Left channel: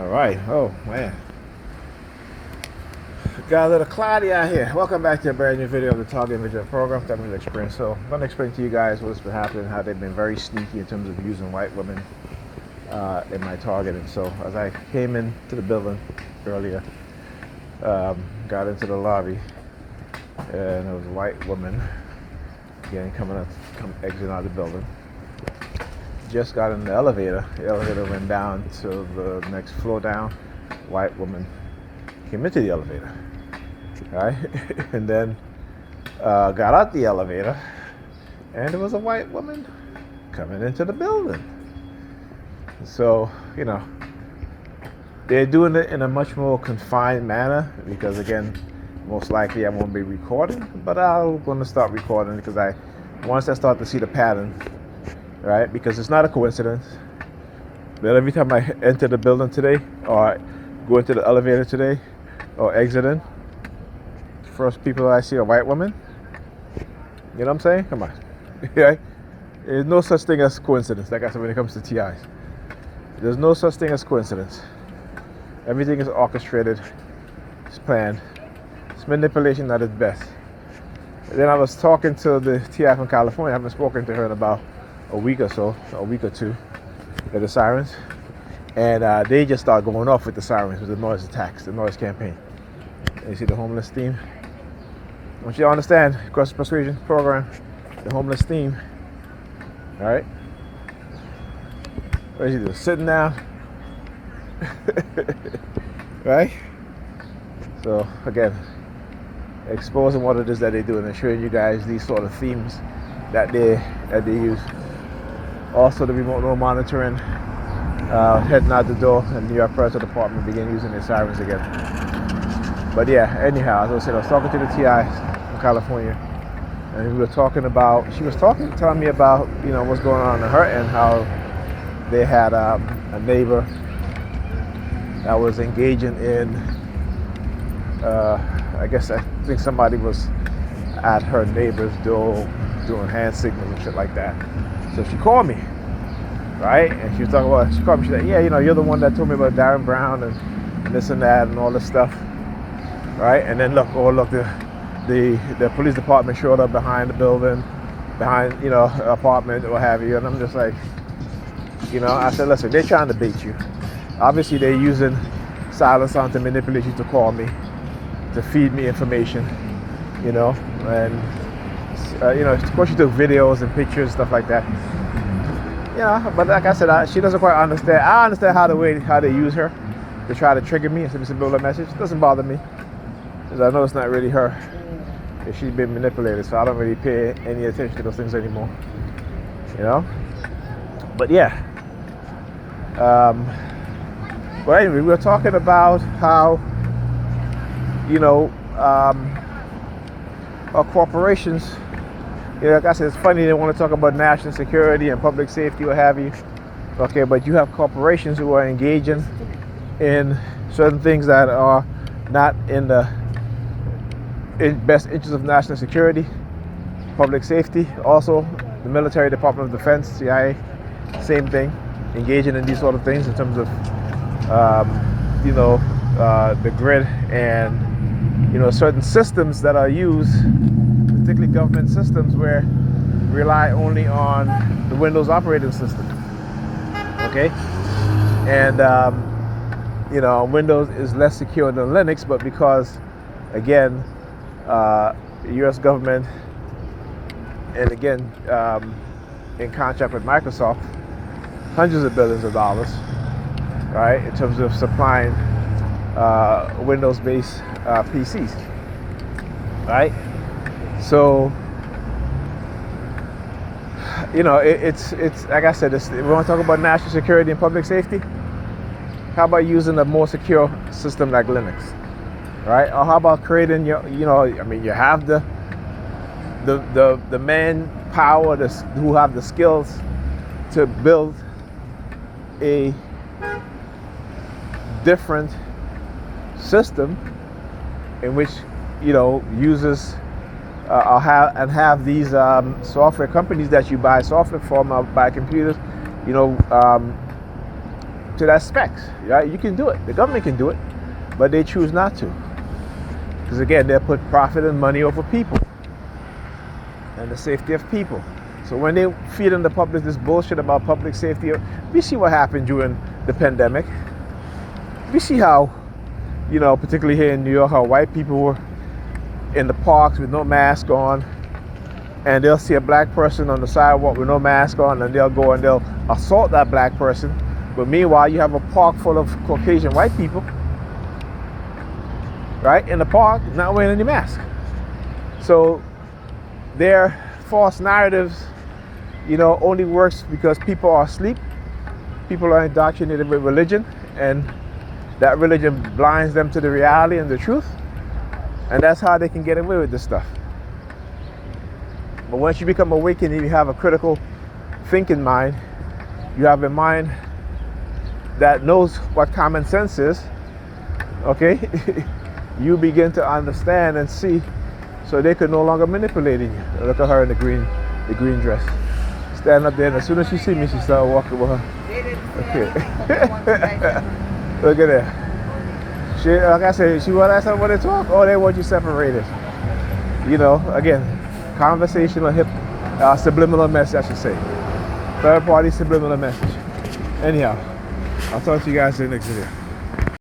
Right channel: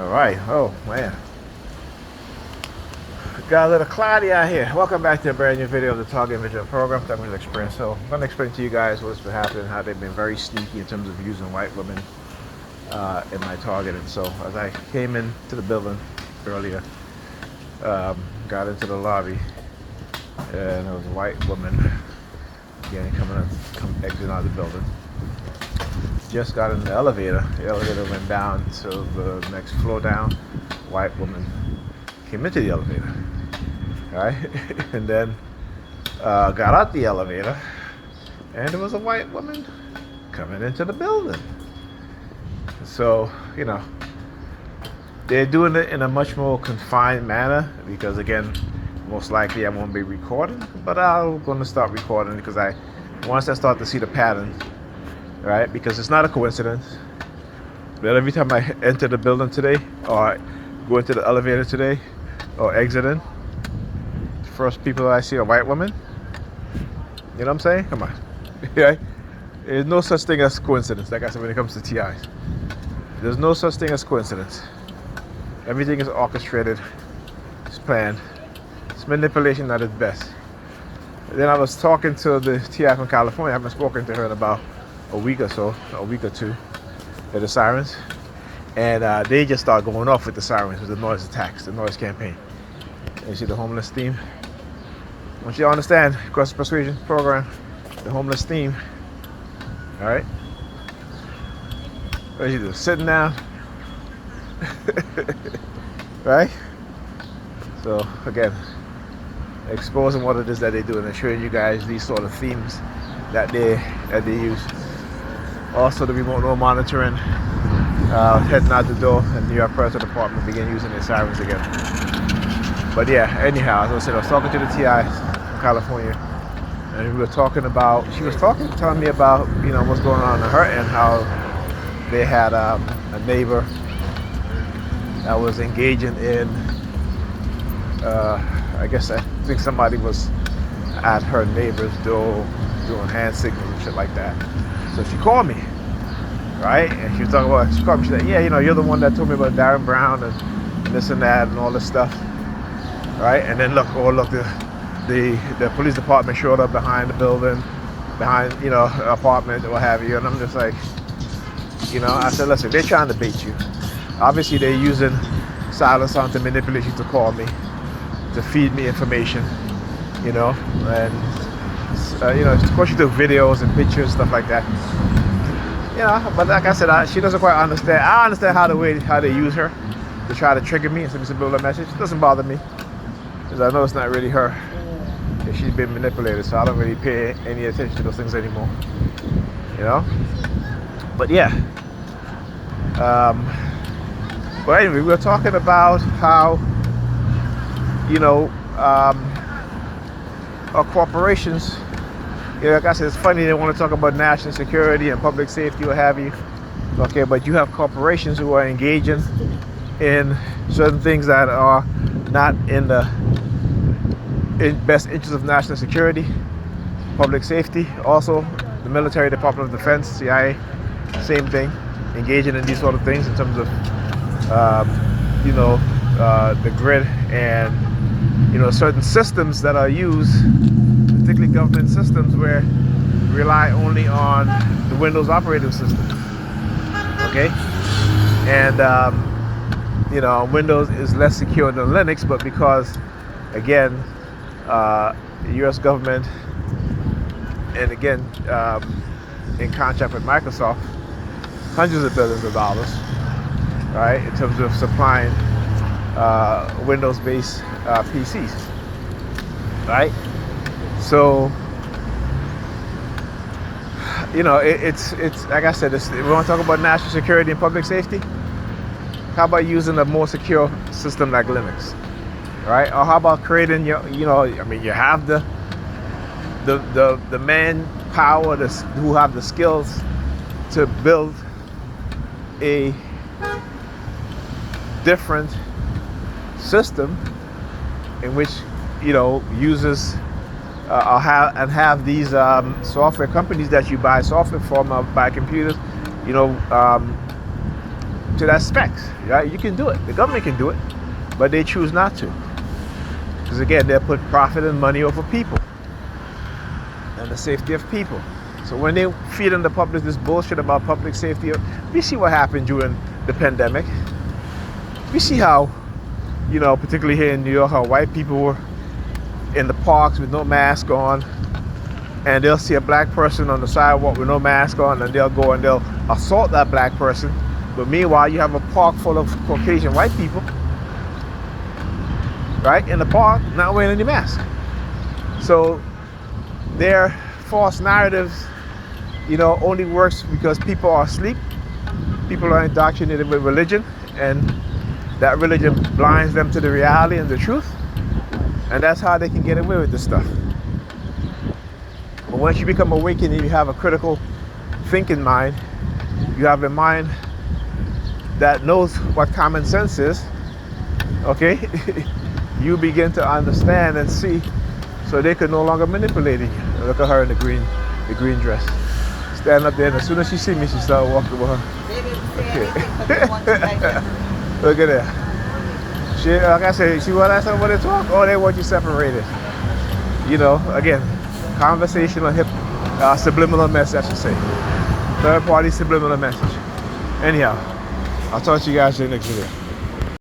All right. Oh man, got a little cloudy out here. Welcome back to a brand new video of the Target Visual Program, Target Experience. So I'm going to explain to you guys what's been happening, how they've been very sneaky in terms of using white women in my targeting. So as I came into the building earlier, got into the lobby, and it was a white woman again exiting out of the building. Just got in the elevator. The elevator went down to the next floor down. White woman came into the elevator, right? And then got out the elevator, and there was a white woman coming into the building. So, they're doing it in a much more confined manner because, again, most likely I won't be recording, but I'm going to start recording because once I start to see the pattern, right? Because it's not a coincidence that every time I enter the building today or go into the elevator today or exiting, first people I see are white women. You know what I'm saying? Come on. Yeah. There's no such thing as coincidence, like I said, when it comes to TIs. There's no such thing as coincidence. Everything is orchestrated. It's planned. It's manipulation at its best. Then I was talking to the TI from California. I haven't spoken to her in about a week or two, at the sirens, and they just start going off with the sirens, with the noise attacks, the noise campaign. You see the homeless theme? I want you to understand, coercive persuasion program, the homeless theme. All right, what you do? Sitting down, right? So again, exposing what it is that they do and showing you guys these sort of themes that they use. Also, the remote road monitoring, heading out the door, and New York Police Department began using the sirens again. But yeah, anyhow, as I said, I was talking to the TI in California, and we were talking about, telling me about, what's going on her end, how they had a neighbor that was engaging in, I think somebody was at her neighbor's door doing hand signals and shit like that. So she called me, right? And she was talking about, she called me, she said, yeah, you're the one that told me about Darren Brown and this and that and all this stuff, right? And then look, the police department showed up behind the building, behind, apartment or what have you. And I'm just like, I said, listen, they're trying to bait you. Obviously, they're using silence sound to manipulate you to call me, to feed me information, and of course she took videos and pictures, stuff like that. But like I said, she doesn't quite understand. I understand how they use her to try to trigger me and send me subliminal message. It doesn't bother me because I know it's not really her. Because she's been manipulated, so I don't really pay any attention to those things anymore. But yeah. But anyway, we were talking about how our corporations. Like I said, it's funny they want to talk about national security and public safety, what have you. Okay, but you have corporations who are engaging in certain things that are not in best interest of national security, public safety. Also, the military, Department of Defense, CIA, same thing, engaging in these sort of things in terms of, the grid and certain systems that are used, particularly government systems, where rely only on the Windows operating system. Okay, and Windows is less secure than Linux, but because, again, the U.S. government, and again, in contract with Microsoft, hundreds of billions of dollars, right, in terms of supplying Windows-based PCs, right? So, it's like I said, we want to talk about national security and public safety. How about using a more secure system like Linux, right? Or how about creating you have the manpower who have the skills to build a different system in which users have these software companies that you buy software from, buy computers, to that specs. Right? You can do it. The government can do it, but they choose not to. Because again, they'll put profit and money over people and the safety of people. So when they feed in the public this bullshit about public safety, we see what happened during the pandemic. We see how, particularly here in New York, how white people were in the parks with no mask on, and they'll see a black person on the sidewalk with no mask on, and they'll go and they'll assault that black person. But meanwhile, you have a park full of Caucasian white people, right, in the park, not wearing any mask. So their false narratives, only works because people are asleep. People are indoctrinated with religion, and that religion blinds them to the reality and the truth. And that's how they can get away with this stuff. But once you become awakened and you have a critical thinking mind, you have a mind that knows what common sense is, okay? You begin to understand and see, so they can no longer manipulate you. Look at her in the green dress. Stand up there, and as soon as she see me, she start walking with her. They didn't say anything, but they want you guys to... Look at that. She, like I said, she want us to talk, or they want you separated. Again, conversational subliminal message, I should say. Third party subliminal message. Anyhow, I'll talk to you guys in the next video.